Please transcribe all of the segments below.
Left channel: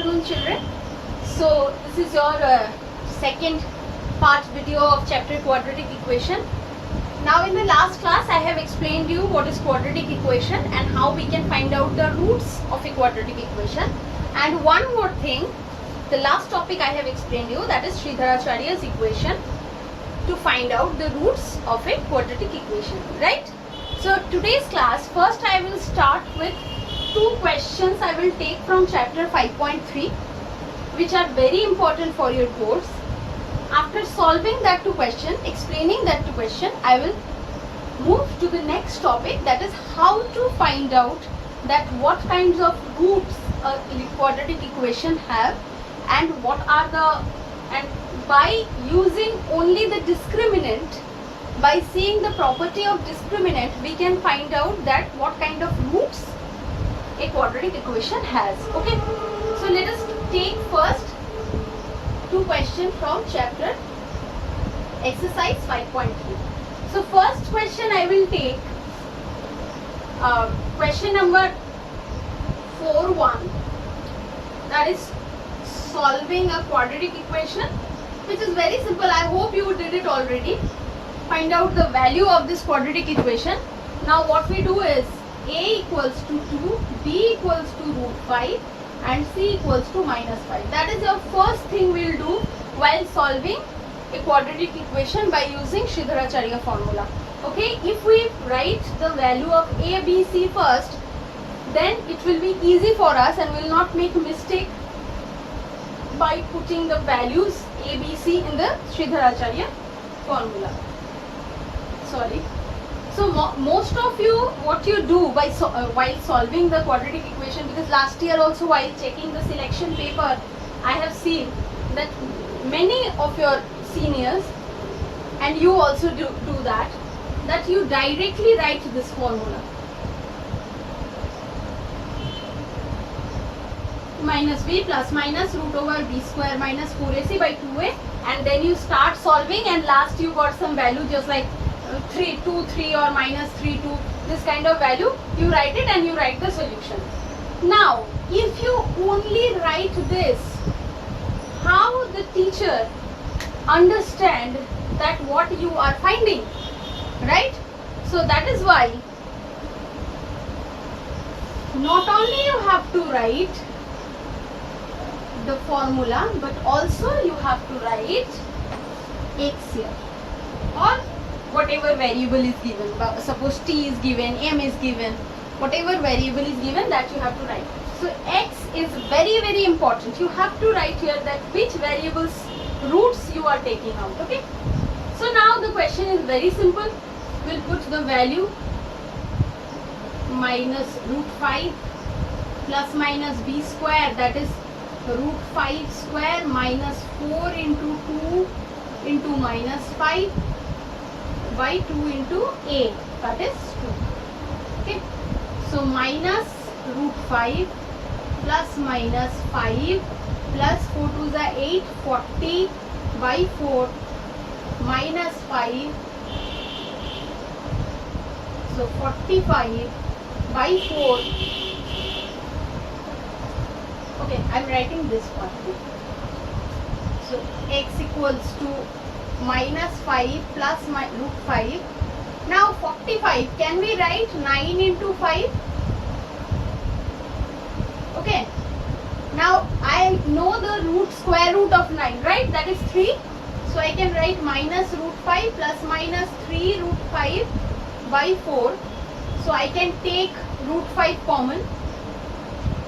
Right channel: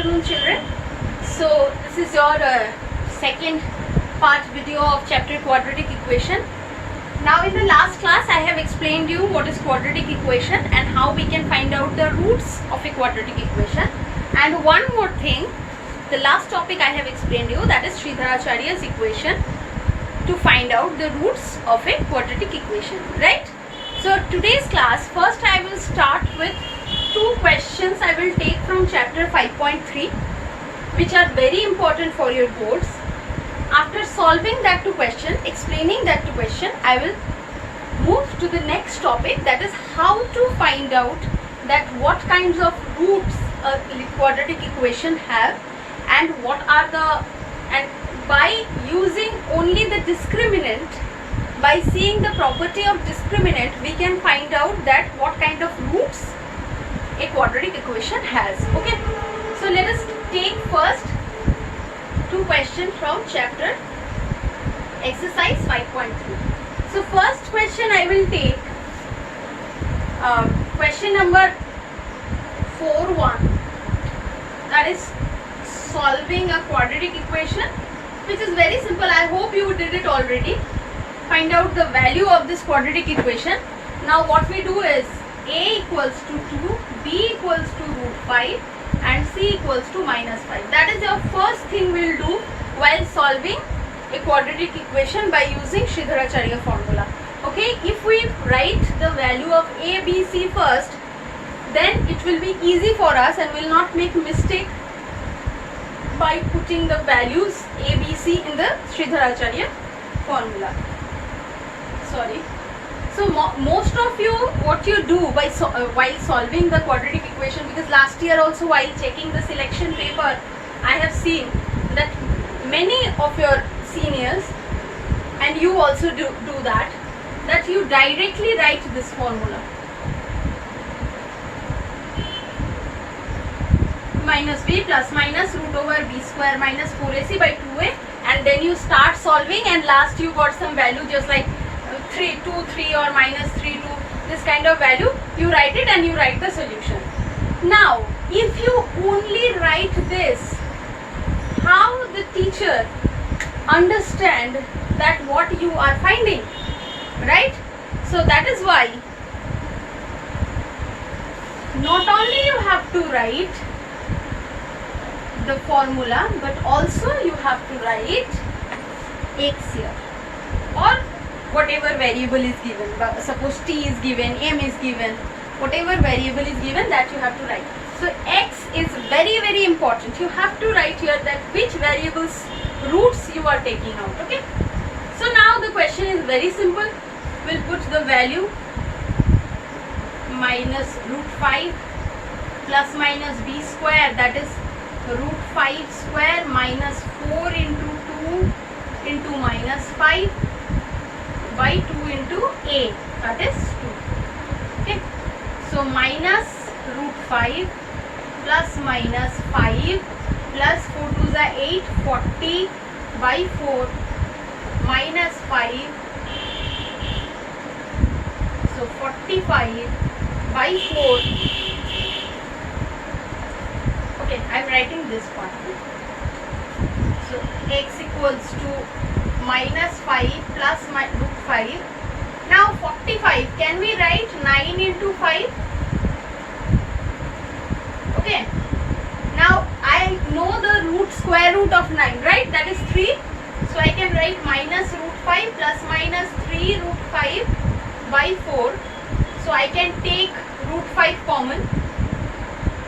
afternoon, children. So this is your second part video of chapter quadratic equation. Now in the last class I have explained you what is quadratic equation and how we can find out the roots of a quadratic equation. And one more thing, the last topic I have explained you, that is Sridharacharya's equation, to find out the roots of a quadratic equation, right? So today's class, first I will start with two questions I will take from chapter 5.3, which are very important for your boards. After solving that two question, explaining that two question, I will move to the next topic, that is how to find out that what kinds of roots a quadratic equation have, and what are the, and by using only the discriminant, by seeing the property of discriminant, we can find out that what kind of roots a quadratic equation has. Okay, so let us take first two questions from chapter exercise 5.3. So first question I will take question number 4.1, that is solving a quadratic equation, which is very simple. I hope you did it already. Find out the value of this quadratic equation. Now what we do is a equals to 2, b equals to root 5 and c equals to minus 5. That is your first thing we will do while solving a quadratic equation by using Sridharacharya formula. Okay, if we write the value of a, b, c first, then it will be easy for us and we will not make mistake by putting the values a, b, c in the Sridharacharya formula. Sorry. So most of you, what you do by while solving the quadratic equation, because last year also while checking the selection paper, I have seen that many of your seniors, and you also do that you directly write this formula. Minus b plus minus root over b square minus 4ac by 2a, and then you start solving and last you got some value just like 3, 2, 3 or minus 3, 2, this kind of value, you write it and you write the solution. Now, if you only write this, how the teacher understand that what you are finding, right? So that is why not only you have to write the formula, but also you have to write x here, or whatever variable is given. Suppose t is given, m is given, whatever variable is given, that you have to write. So x is very, very important. You have to write here that which variables roots you are taking out. Okay, so now the question is very simple. We'll put the value minus root 5 plus minus b square, that is root 5 square minus 4 into 2 into minus 5 by 2 into a, that is 2. Okay, so minus root 5 plus minus 5 plus 4 to the 8, 40 by 4 minus 5, so 45 by 4. Okay, I am writing this part. So x equals to minus 5 plus root 5. Now 45, can we write 9 into 5? Okay, now I know the square root of 9, right? That is 3. So I can write minus root 5 plus minus 3 root 5 by 4. So I can take root 5 common.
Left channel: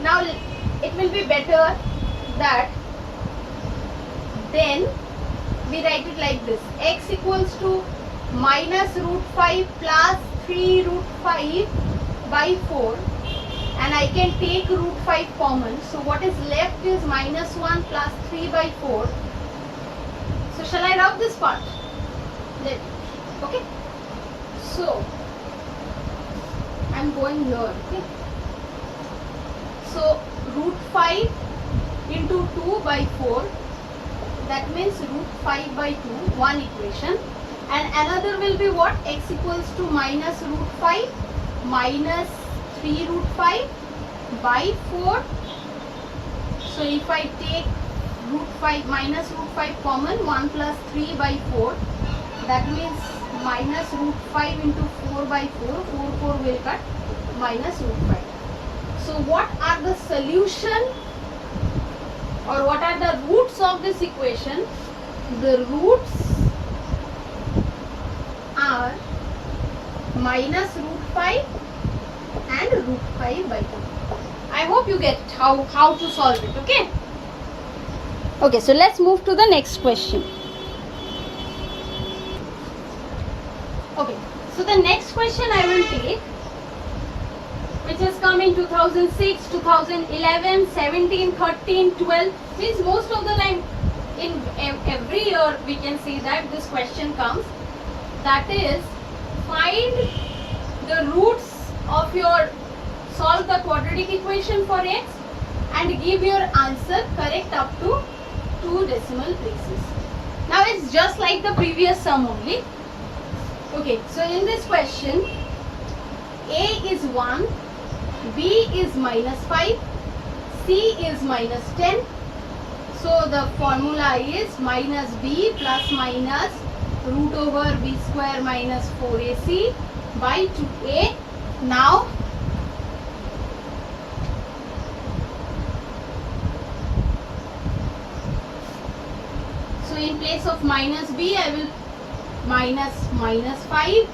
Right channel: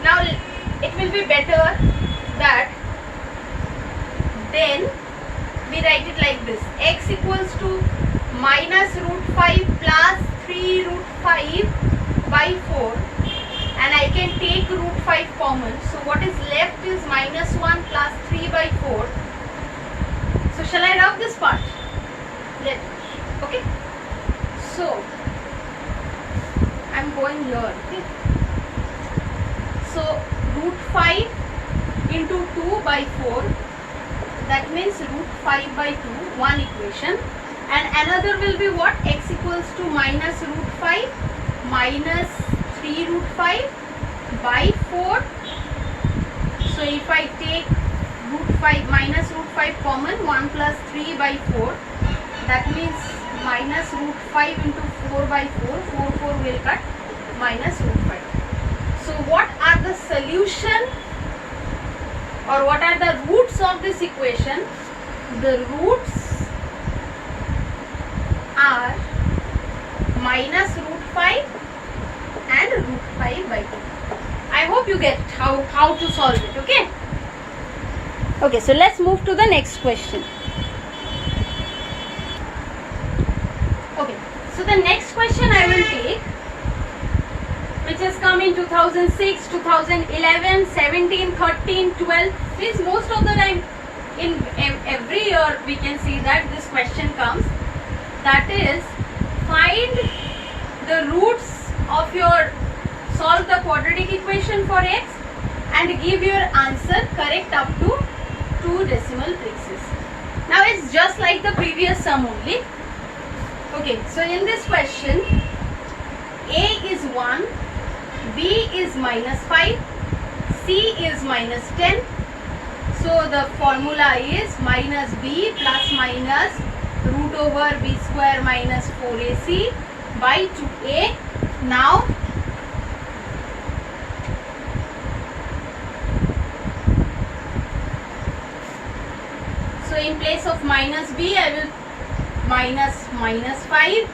Now it will be better that then we write it like this: x equals to minus root 5 plus 3 root 5 by 4, and I can take root 5 common. So what is left is minus 1 plus 3 by 4. So shall I rub this part? Okay. So I am going here. Okay. So root 5 into 2 by 4. That means root 5 by 2, one equation, and another will be what? X equals to minus root 5 minus 3 root 5 by 4. So So if I take root 5 minus root 5 common, 1 plus 3 by 4, that means minus root 5 into 4 by 4, 4 will cut, minus root 5. So what are the solution or what are the roots of this equation? The roots are minus root 5 and root 5 by 2. I hope you get how to solve it, okay? Okay, so let's move to the next question. Okay, so the next question I will take, which has come in 2006, 2011, 17, 13, 12, means most of the time in every year we can see that this question comes. That is, find the roots of your, solve the quadratic equation for x and give your answer correct up to 2 decimal places. Now it's just like the previous sum only. Okay, so in this question, a is 1, b is minus 5, c is minus 10. So the formula is minus b plus minus root over b square minus 4ac by 2a. Now so in place of minus b I will minus 5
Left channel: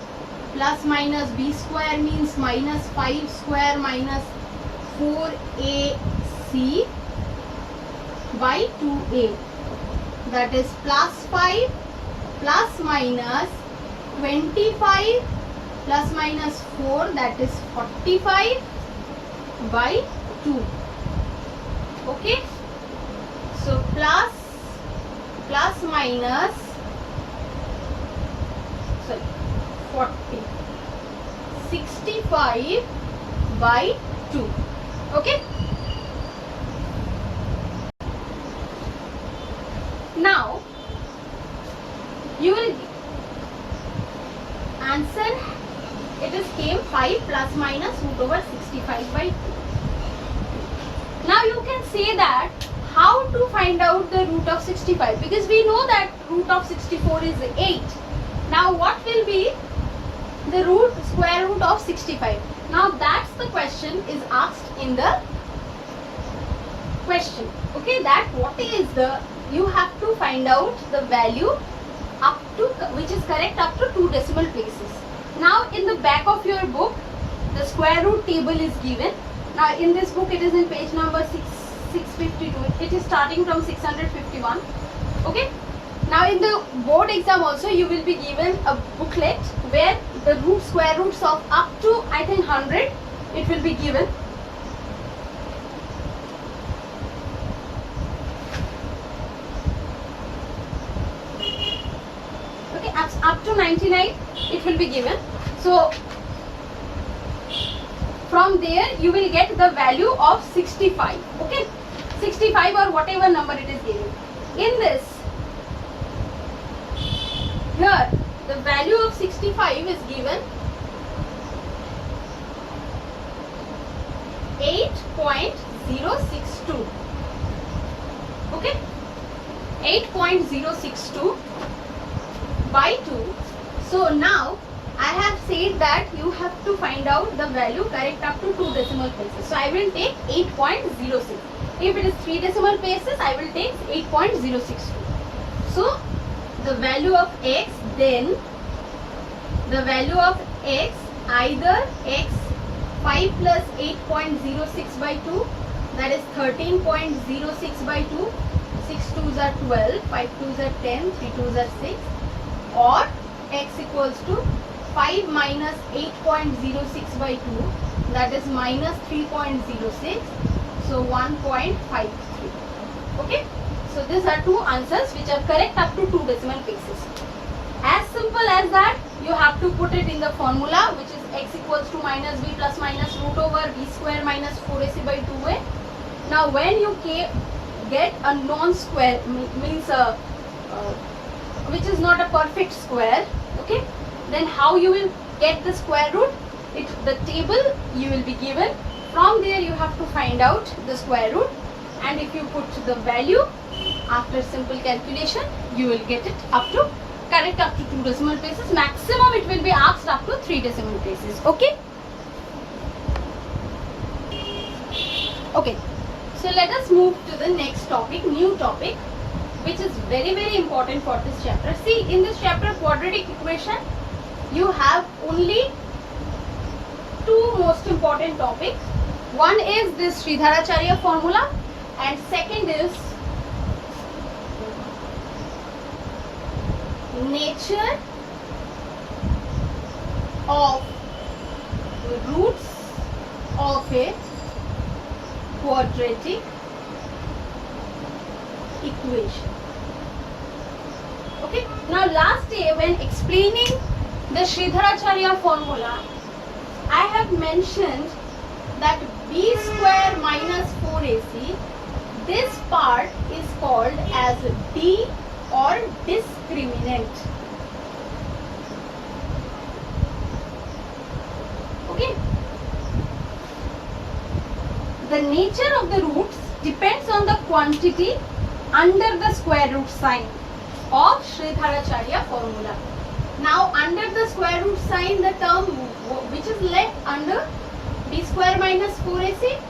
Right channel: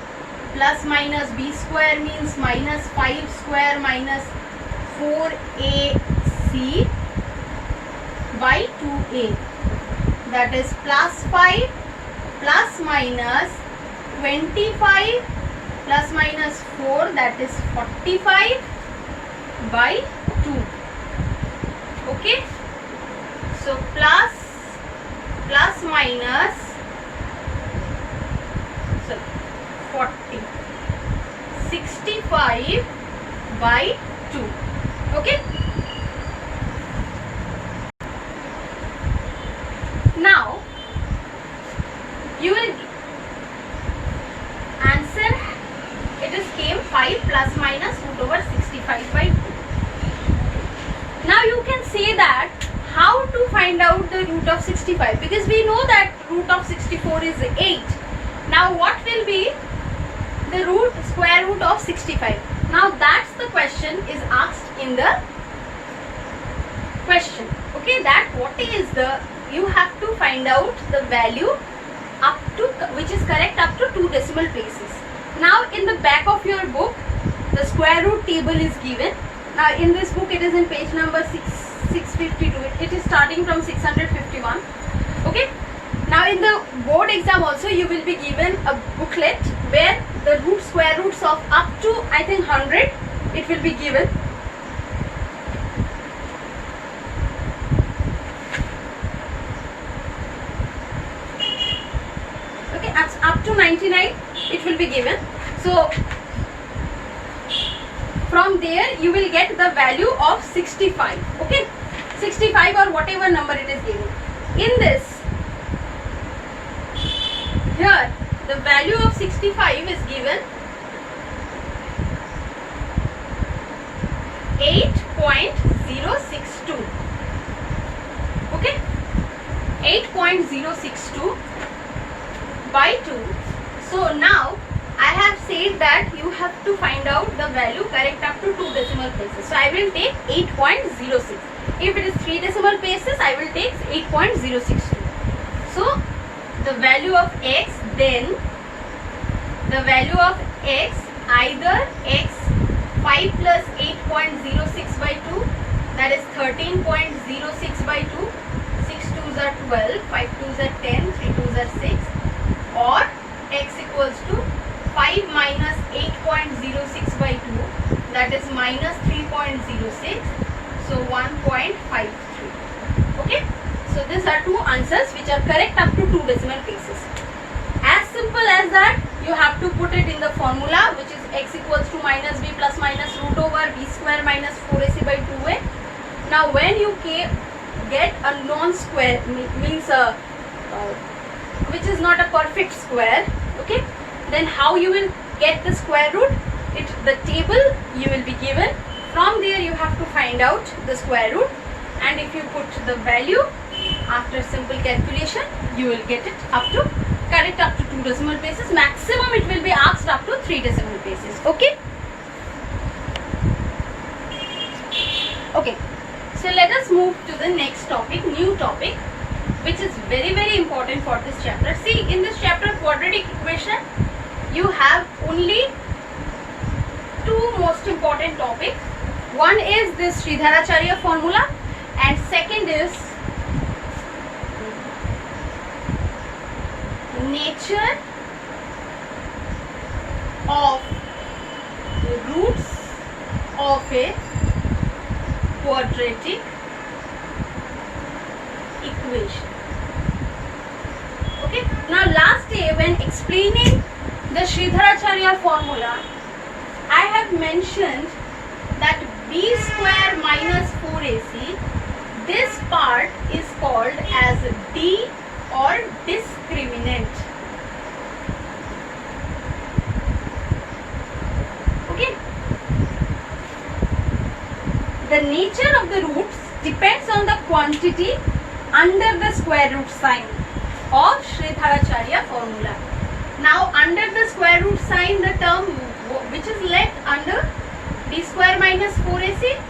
plus minus b square means minus 5 square minus 4ac by 2a, that is plus 5 plus minus 25 plus minus 4, that is 45 by 2. Okay, so plus minus 40, 65 by 2. Okay, now you will answer, it is came 5 plus minus root over 65 by 2. Now you can say that how to find out the root of 65, because we know that root of 64 is 8. Now what will be the square root of 65? Now that's the question is asked in the question. Okay, that what is the, you have to find out the value up to, which is correct up to 2 decimal places. Now in the back of your book, the square root table is given. Now in this book it is in page number 652. It is starting from 651. Okay. Now in the board exam also you will be given a booklet where the square roots of up to I think 100 it will be given. Okay, up to 99 it will be given. So from there you will get the value of 65. Okay, 65 or whatever number it is given. In this, here the value of 65 is given 8.062. Okay, 8.062 by 2. So now I have said that you have to find out the value correct up to 2 decimal places. So I will take 8.06. If it is 3 decimal places, I will take 8.062. So the value of x, then the value of x, either x 5 plus 8.06 by 2, that is 13.06 by 2, 6 2s are 12, 5 2s are 10, 3 2s are 6, or x equals to 5 minus 8.06 by 2, that is minus 3.06, so 1.53. Okay, so these are 2 answers which are correct up to 2 decimal places. As simple as that, you have to put it in the formula, which is x equals to minus b plus minus root over b square minus 4ac by 2a. Now when you get a non-square, means which is not a perfect square, okay, then how you will get the square root? The table you will be given. From there you have to find out the square root. and if you put the value after simple calculation, you will get it up to correct up to 2 decimal places. Maximum it will be asked up to 3 decimal places. Okay. Okay. So let us move to the next topic, new topic, which is very, very important for this chapter. See, in this chapter, quadratic equation, you have only two most important topics. One is this Sridharacharya formula, and second is nature of roots of a quadratic equation. Okay. Now last day when explaining the Sridharacharya formula, I have mentioned that b square minus 4ac, this part is called as d or discriminant. Okay. The nature of the roots depends on the quantity under the square root sign of Sridharacharya formula. Now under the square root sign, the term which is left under b square minus 4ac.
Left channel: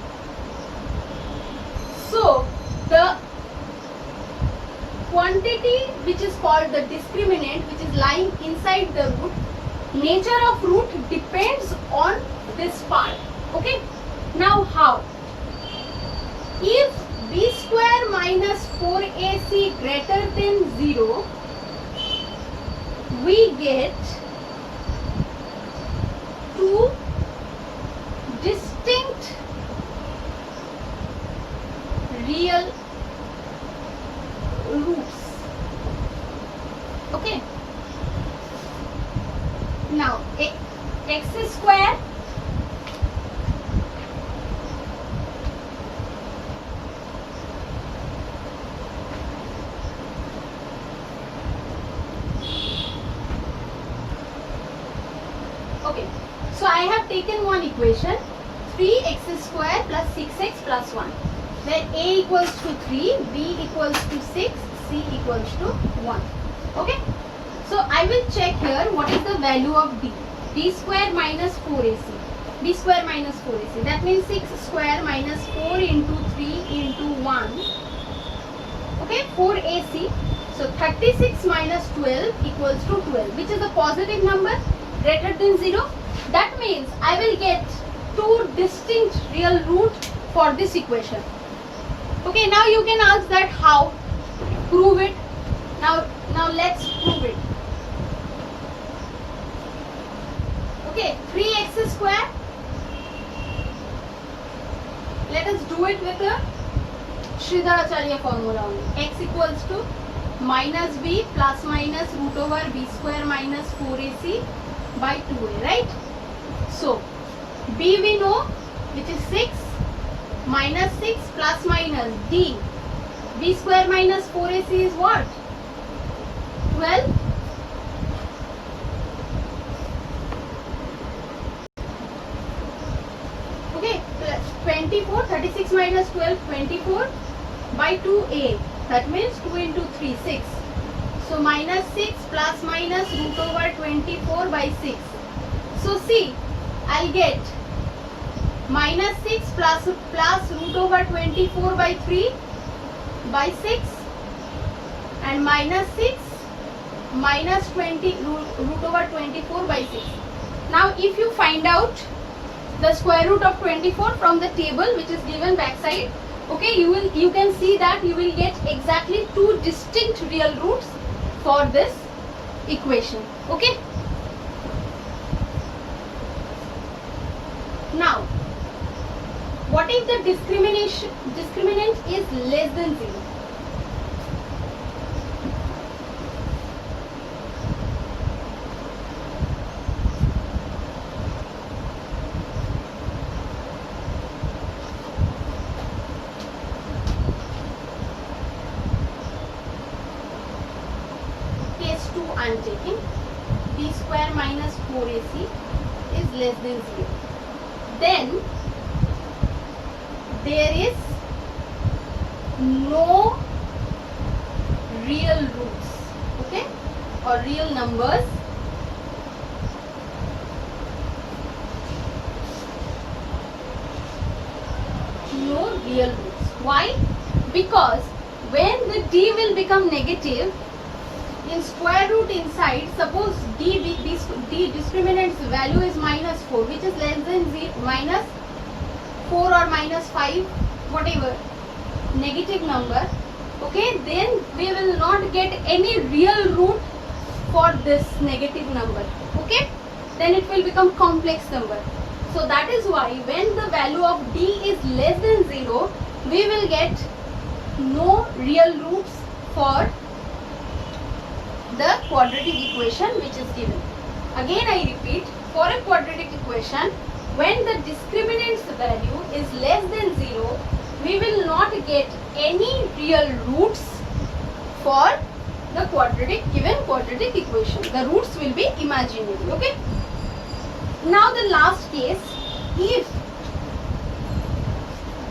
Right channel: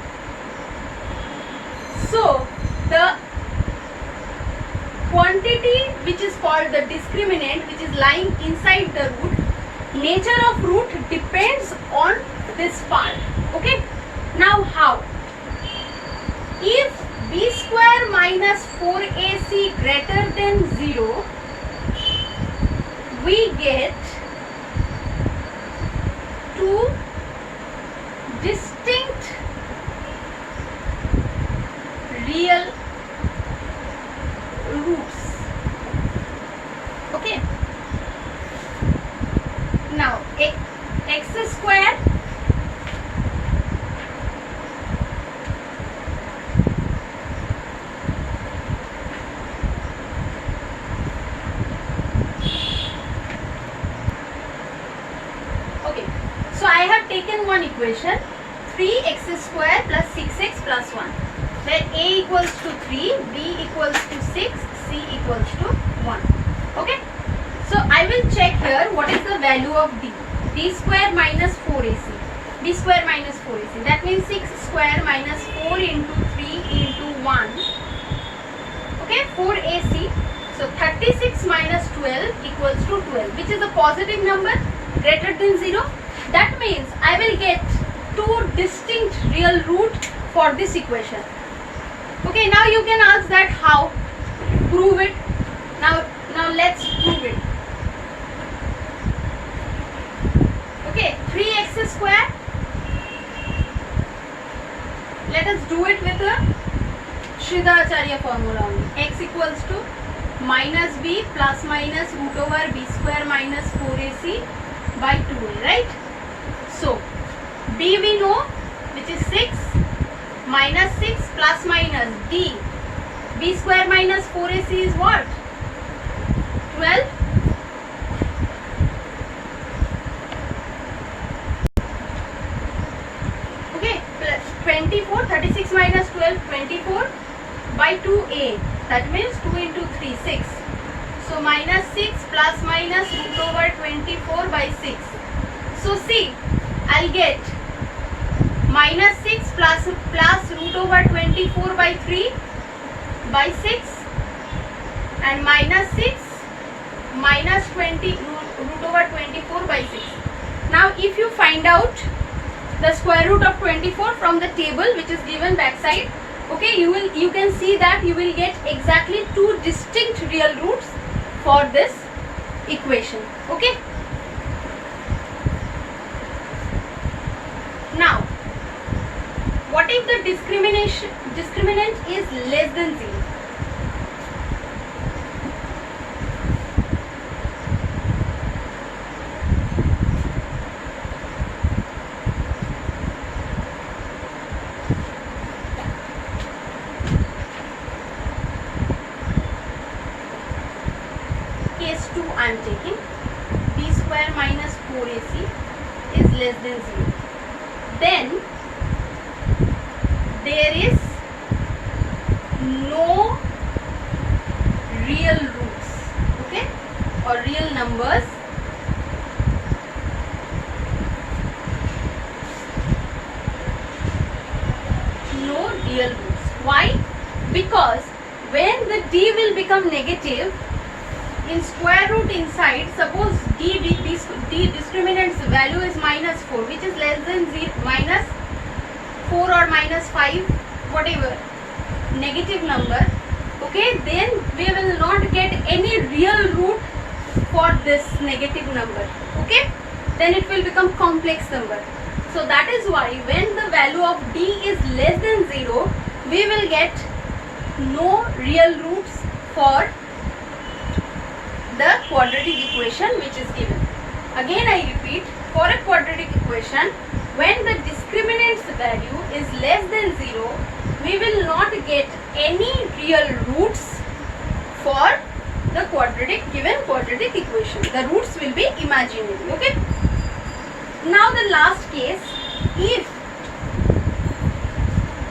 So the quantity which is called the discriminant, which is lying inside the root, nature of root depends on this part. Okay. Now how? If b square minus 4ac greater than 0, we get two distinct real roots. Okay. Now x square I have taken one equation, 3x square plus 6x plus 1, where a equals to 3, b equals to 6, c equals to 1. Okay. So I will check here what is the value of d. d square minus 4ac. d square minus 4ac. That means 6 square minus 4 into 3 into 1. Okay. 4ac. So 36 minus 12 equals to 12, which is a positive number greater than 0. That means I will get two distinct real roots for this equation. Okay, now you can ask that how? Prove it. Now let's prove it. Okay, 3x square. Let us do it with the Sridharacharya formula only. X equals to minus b plus minus root over b square minus 4ac by 2a, right? So b we know, which is 6, minus 6 plus minus d, b square minus 4ac is what? 12. Okay, plus 24, 36 minus 12, 24 by 2a. That means 2 into 3, 6. So minus 6 plus minus root over 24 by 6. So see, I'll get minus 6 plus root over 24 by 3 by 6, and minus 6 minus 20 root over 24 by 6. Now if you find out the square root of 24 from the table which is given backside, okay, you can see that you will get exactly two distinct real roots for this equation. Okay. Now, what if the discriminant is less than 0? Case 2 I am taking. B square minus 4ac is less than 0. Then there is no real roots, okay, or real numbers. No real roots. Why? Because when the d will become negative, in square root inside, suppose d discriminant's value is -4, which is less than -4 or -5, whatever negative number, okay, then we will not get any real root for this negative number, okay, then it will become complex number. So that is why when the value of d is less than 0, we will get no real roots for the quadratic equation which is given. Again I repeat, for a quadratic equation, when the discriminant's value is less than 0, we will not get any real roots for the given quadratic equation. The roots will be imaginary, okay. Now the last case, if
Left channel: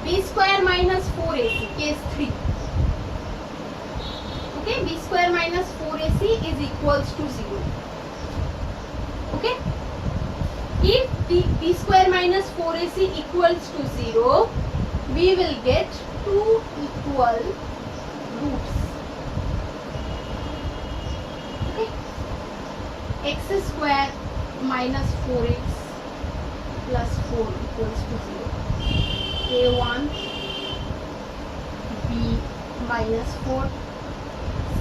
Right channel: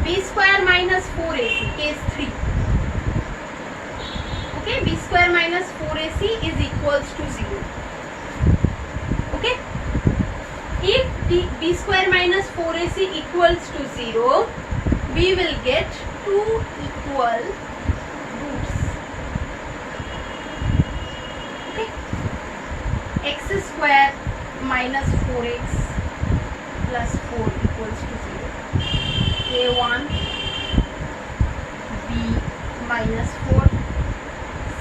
b square minus 4ac, case 3, okay, b square minus 4ac is equals to 0, okay. If b square minus 4ac equals to 0, we will get two equal roots, okay. X square minus 4x plus 4 equals to 0. A1 b minus 4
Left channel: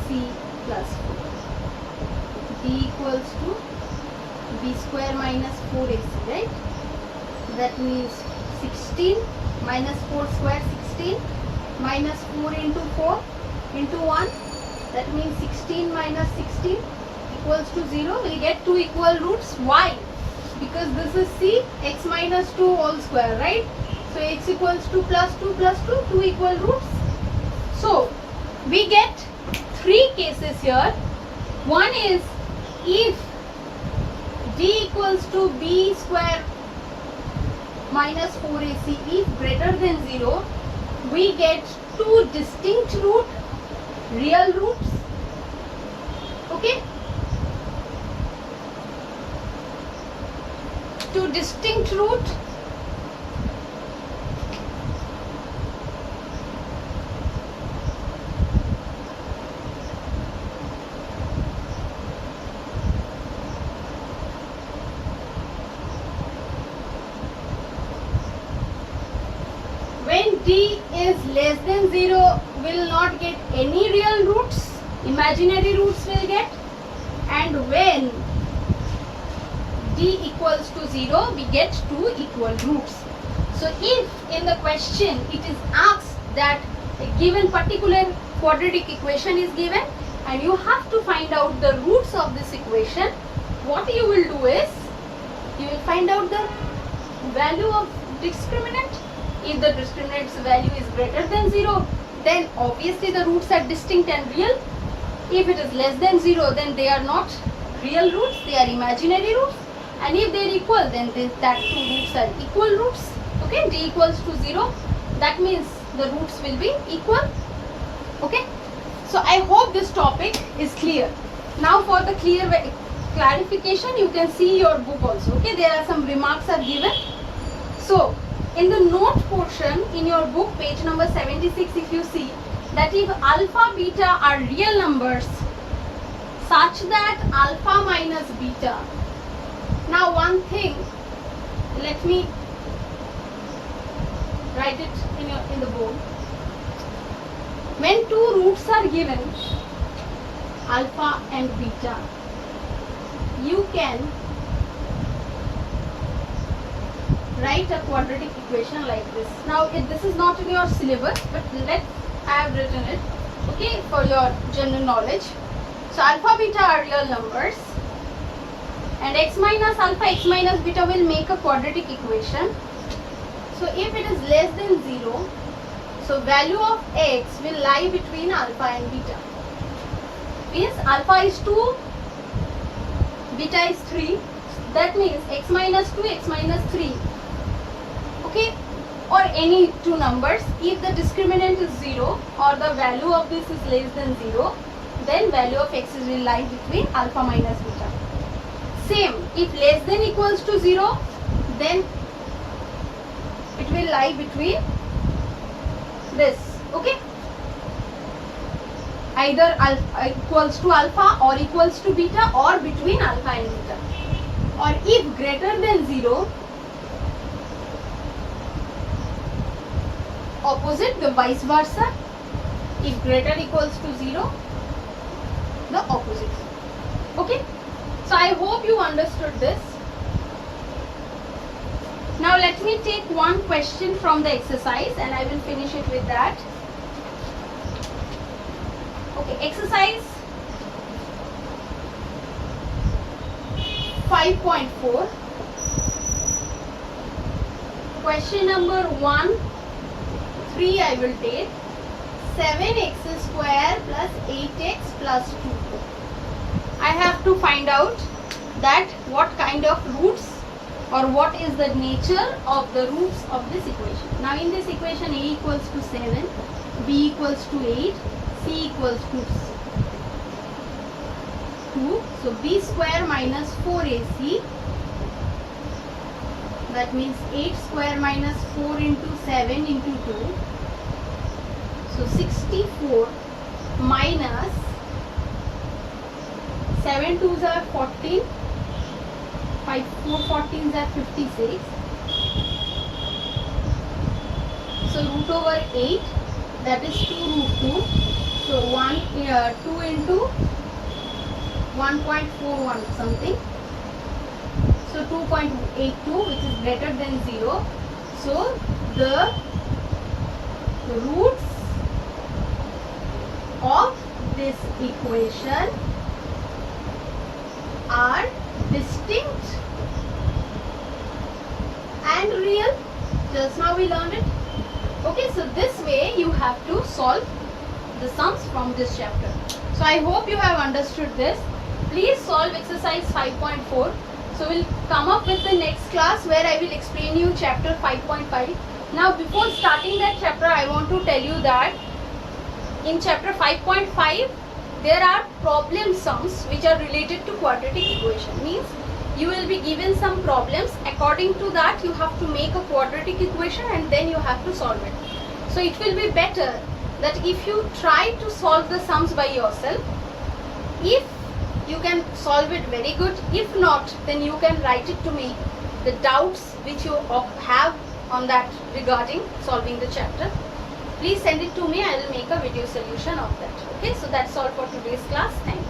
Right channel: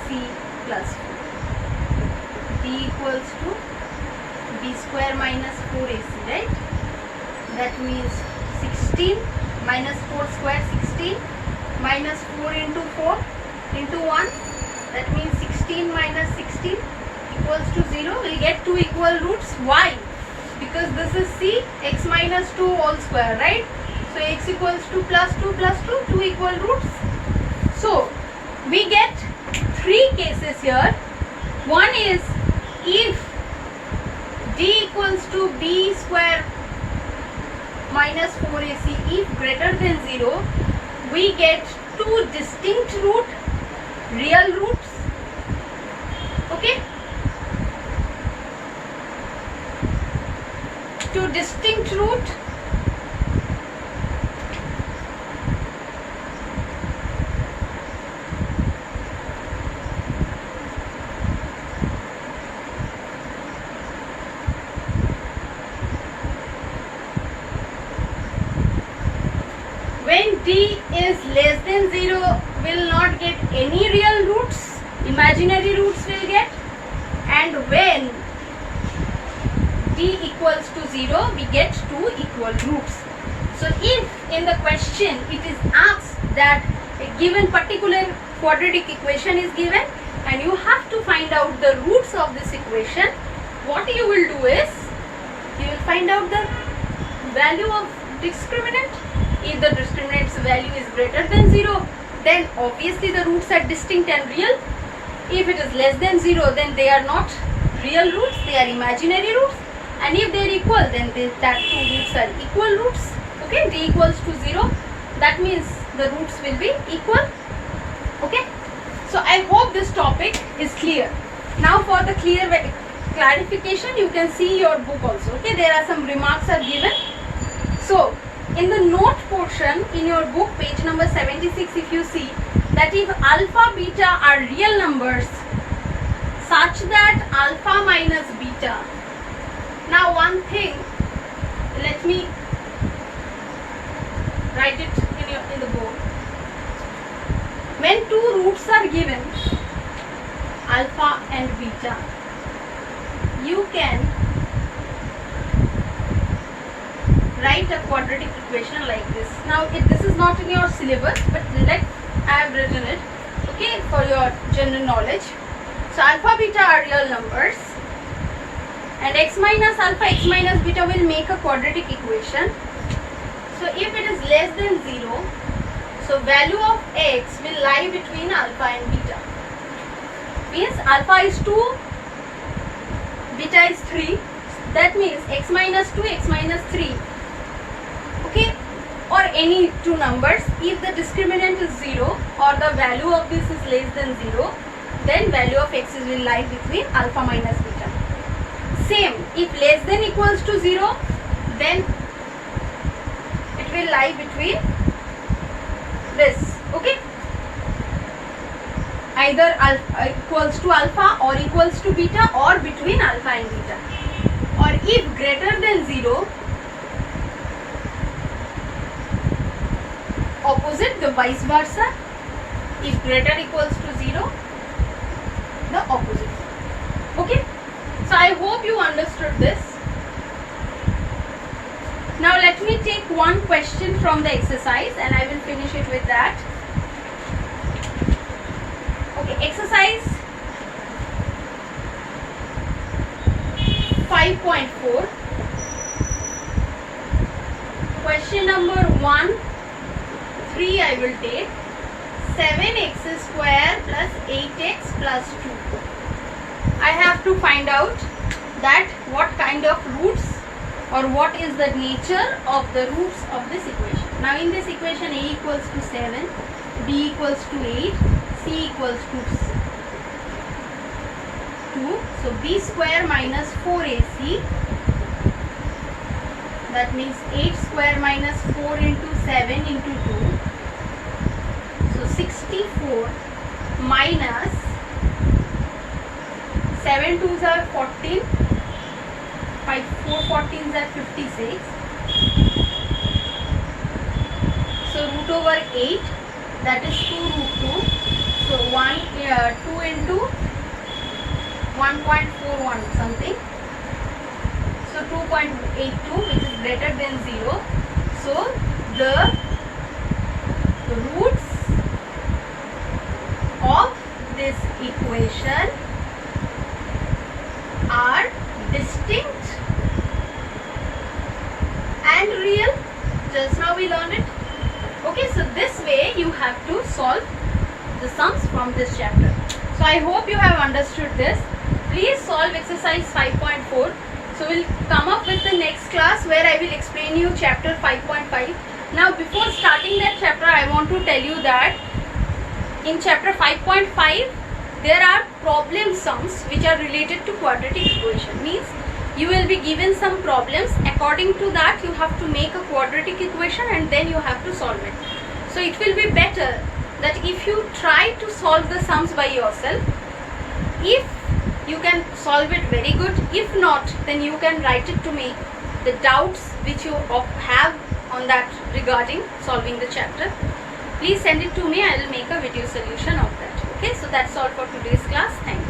c plus 4. D equals to b square minus 4ac, right? That means 16 minus 4 square, 16 minus 4 into 4 into 1, that means 16 minus 16 equals to 0. We'll get two equal roots. Why? Because this is c, x minus 2 whole square, right? So x equals to plus 2 plus 2, two equal roots. So we get three cases here. One is if d equals to b square minus 4ac, if greater than 0, we get two distinct real roots, okay, two distinct root when d is less than 0, will not get any real roots, imaginary roots will get, and when d equals to 0, we get two equal roots. So if in the question it is asked that a given particular quadratic equation is given and you have to find out the roots of this equation, what you will do is you will find out the value of discriminant. If the discriminant's value is greater than 0, then obviously the roots are distinct and real. If it is less than 0, then they are not real roots, they are imaginary roots. And if they are equal, then that two roots are equal roots. Okay, d equals to 0, that means the roots will be equal. Okay, so I hope this topic is clear. Now for the clarification, you can see your book also. Okay, there are some remarks are given. So in the note portion in your book, page number 76, if you see that if alpha beta are real numbers such that alpha minus beta. Now one thing, let me write it in the board. When two roots are given, alpha and beta, you can write a quadratic equation like this. Now this is not in your syllabus, but I have written it, okay, for your general knowledge. So alpha beta are real numbers and x minus alpha, x minus beta will make a quadratic equation. So if it is less than 0, so value of x will lie between alpha and beta. Means alpha is 2, beta is 3. That means x minus 2, x minus 3. Okay, or any two numbers, if the discriminant is 0 or the value of this is less than 0, then value of x will lie between alpha minus beta. Same, if less than equals to 0, then it will lie between this, okay? Either alpha equals to alpha or equals to beta, or between alpha and beta. Or if greater than 0, opposite, the vice versa. If greater equals to 0, the opposite. Okay? So I hope you understood this. Now let me take one question from the exercise and I will finish it with that. Okay, exercise 5.4. Question number 1, 3 I will take. 7x square plus 8x plus 2. I have to find out that what kind of roots or what is the nature of the roots of this equation. Now in this equation, a equals to 7, b equals to 8, c equals to 2. So b square minus 4ac, that means 8 square minus 4 into 7 into 2. So 64 minus 7 2s are 14, 4 14s are 56. So root over 8, that is 2 root 2. So 2 into 1.41 something. So 2.82, which is greater than 0. So the roots of this equation are distinct and real. Just now we learned it. Okay, so this way you have to solve the sums from this chapter. So I hope you have understood this. Please solve exercise 5.4. So we'll come up with the next class where I will explain you chapter 5.5. Now before starting that chapter, I want to tell you that in chapter 5.5 there are problem sums which are related to quadratic equation. Means you will be given some problems. According to that you have to make a quadratic equation and then you have to solve it. So it will be better that if you try to solve the sums by yourself. If you can solve it, very good. If not, then you can write it to me, the doubts which you have on that regarding solving the chapter. Please send it to me. I will make a video solution of that. Okay, so that's all for today's class. Thank you.